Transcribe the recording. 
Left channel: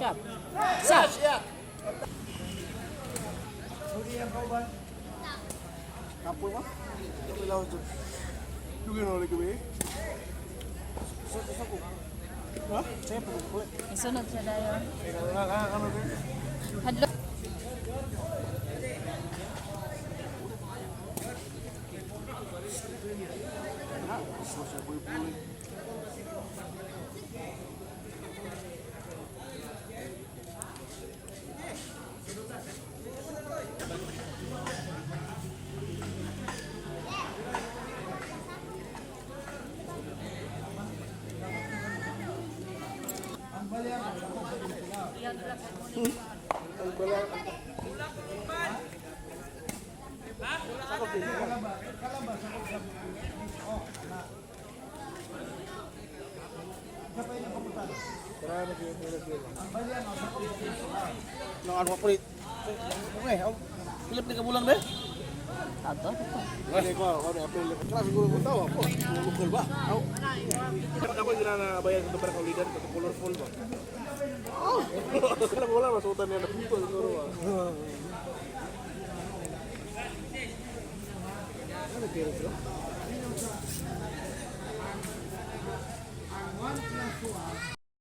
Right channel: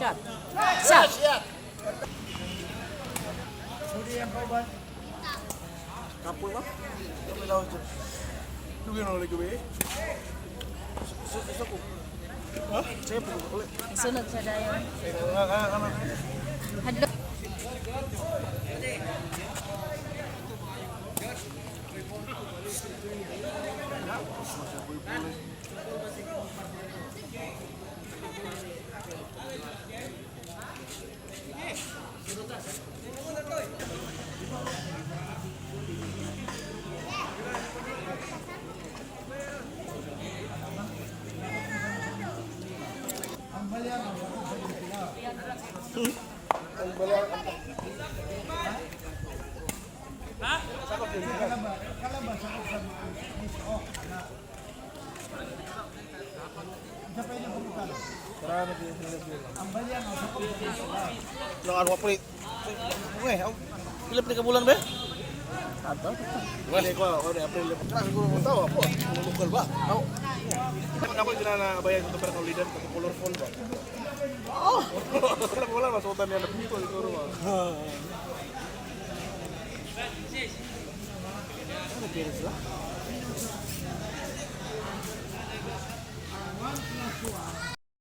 Shot. Shot. Kapul mah? Gimana lagi be? Susu. Hah? Saya pun boleh. Sunod siya dayon. Ano be? Hadlok. Nang ano pa rin? Okay, pilip ni kabulan ba? Ato. Wala ko, ano April. Kaya siguro mo tawo ako, lokal ba? Ako. Kapag gina na bayan ko para kaulidan ko colorful ba? Oh. Wala masutan niya dito siguro. Ano kaya